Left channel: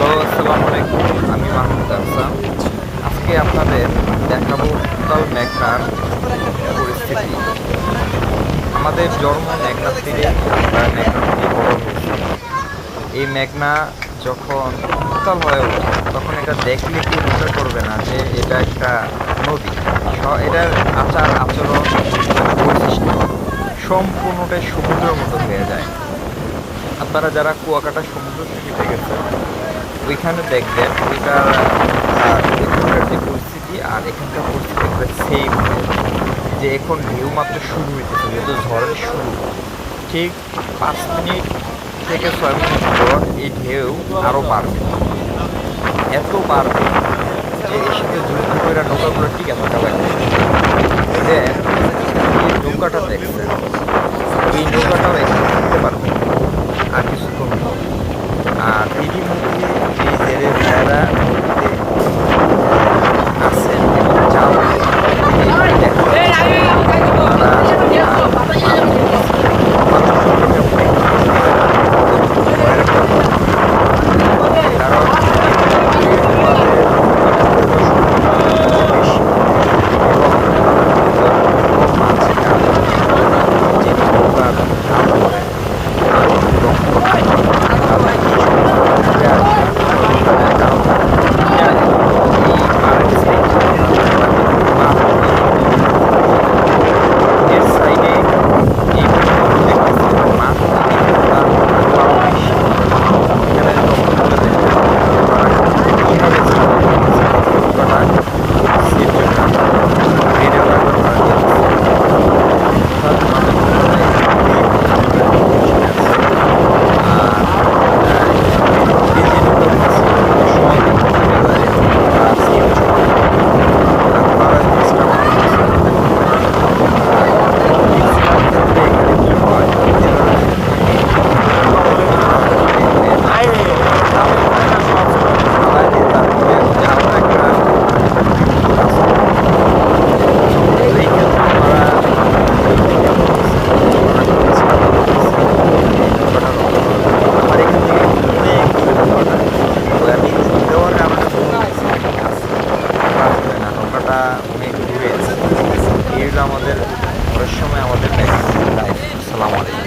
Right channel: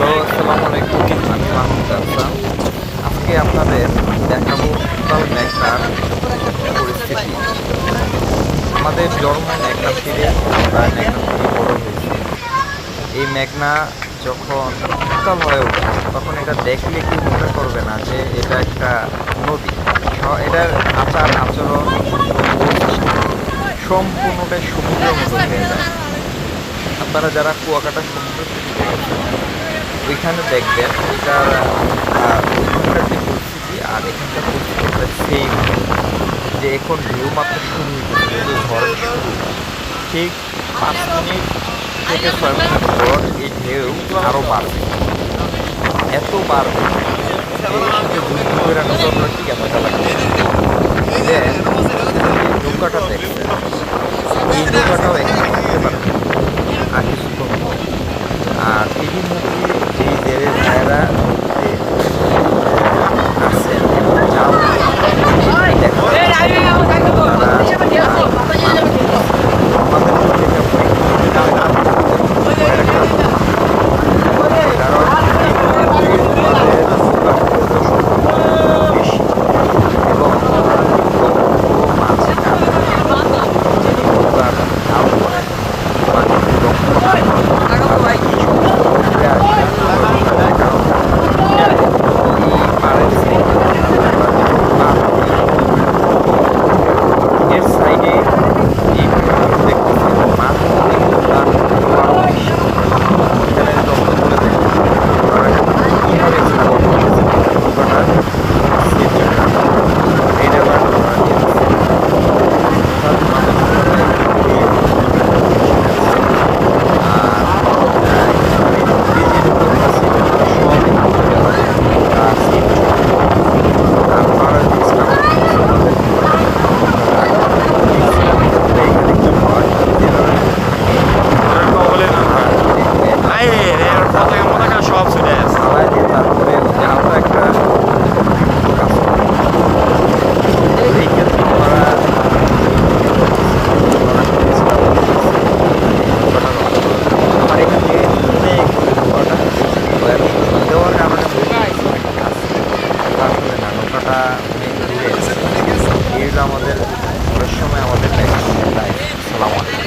Hello, আসসালামু আলাইকুম। আমি মাহমুদ হাসান। আজকে আপনাদের দেখাবো উত্তাল মেঘনার পরিস্থিতি। আমাদের জন্ম মেঘনা তীরে, আমরা মেঘনা তীরে বড় হয়েছি। এই মেঘনা যখন উত্তাল হয়ে ওঠে তখন এটা দেখলে কেউ মনে করবে না যে এটা একটা নদী। এটার আচার আচরণ এবং বৈশিষ্ট্য সম্পূর্ণটাই সমুদ্রের মতো হয়ে যায়। আপনারা যারা কুয়াকাটা সমুদ্র সৈকতে গেছেন ওইখানে দেখবেন ওইখানকার যে পরিস্থিতি আর এখানকার পরিস্থিতি প্রায় সেম, যে এখন ঢেউ মাত্র শুরু হইতেছে, যেহেতু ঝড়ের শুরু। ঠিক 5 মিনিট থেকে 6 মিনিট পর এই ঢেউ আরও বাড়বে, এত বাড়বে যে এর সাথে যুদ্ধ করে নৌকাগুলো টিকে থাকা লাগবে। দেন এখানে যে নৌকাটা দেখছেন, এই নৌকাটাও এখানে থাকতে পারবে আর কিছুক্ষণ পর। আর এরই মধ্যে যে জেলে ভাইয়েরা নদীতে আসেন এবং জাল দেখা যাচ্ছে তারা আমাদের জন্য এটা অনেক ভয়ের একটা, কারণ এই মুহূর্তে আমাদের বেশি এবং মাঝে যিনি নৌকার হাল করেন এর সাইডে যে দেখতেছি মাছ দেখে তার আরও বেশি। এখানে লক্ষ্য করে দেখতে ওরা কীভাবে ছাড়া করতেছে নৌকাটা সেফ জন্য রেড অ্যালার্ট ওরা দিয়ে দিচ্ছে। অর্থাৎ আমাদের নৌকাটায় আছে। আর যে যে নৌকাগুলো ছিল সবই চলে যায় আর সেফ চলে। আর ওরা যে স্টাফ করতেছে আমাদের ম্যাক্সিমাম ক্ষেত্রে এখানে কী হয়, যেভাবে ফালাই দিয়ে তারপরে আলাদা একটা কাজ করে। এই ক্ষেত্রে ওনারা আমার এখান থেকে অনেক দূরে নৌকাটা, আমি দেওয়ার কারণে আসলে না, নৌকাটা অনেক দূরে আছে। এই হলো আমাদের সময় আমাদের লাইফ। আসসালামু আলাইকুম।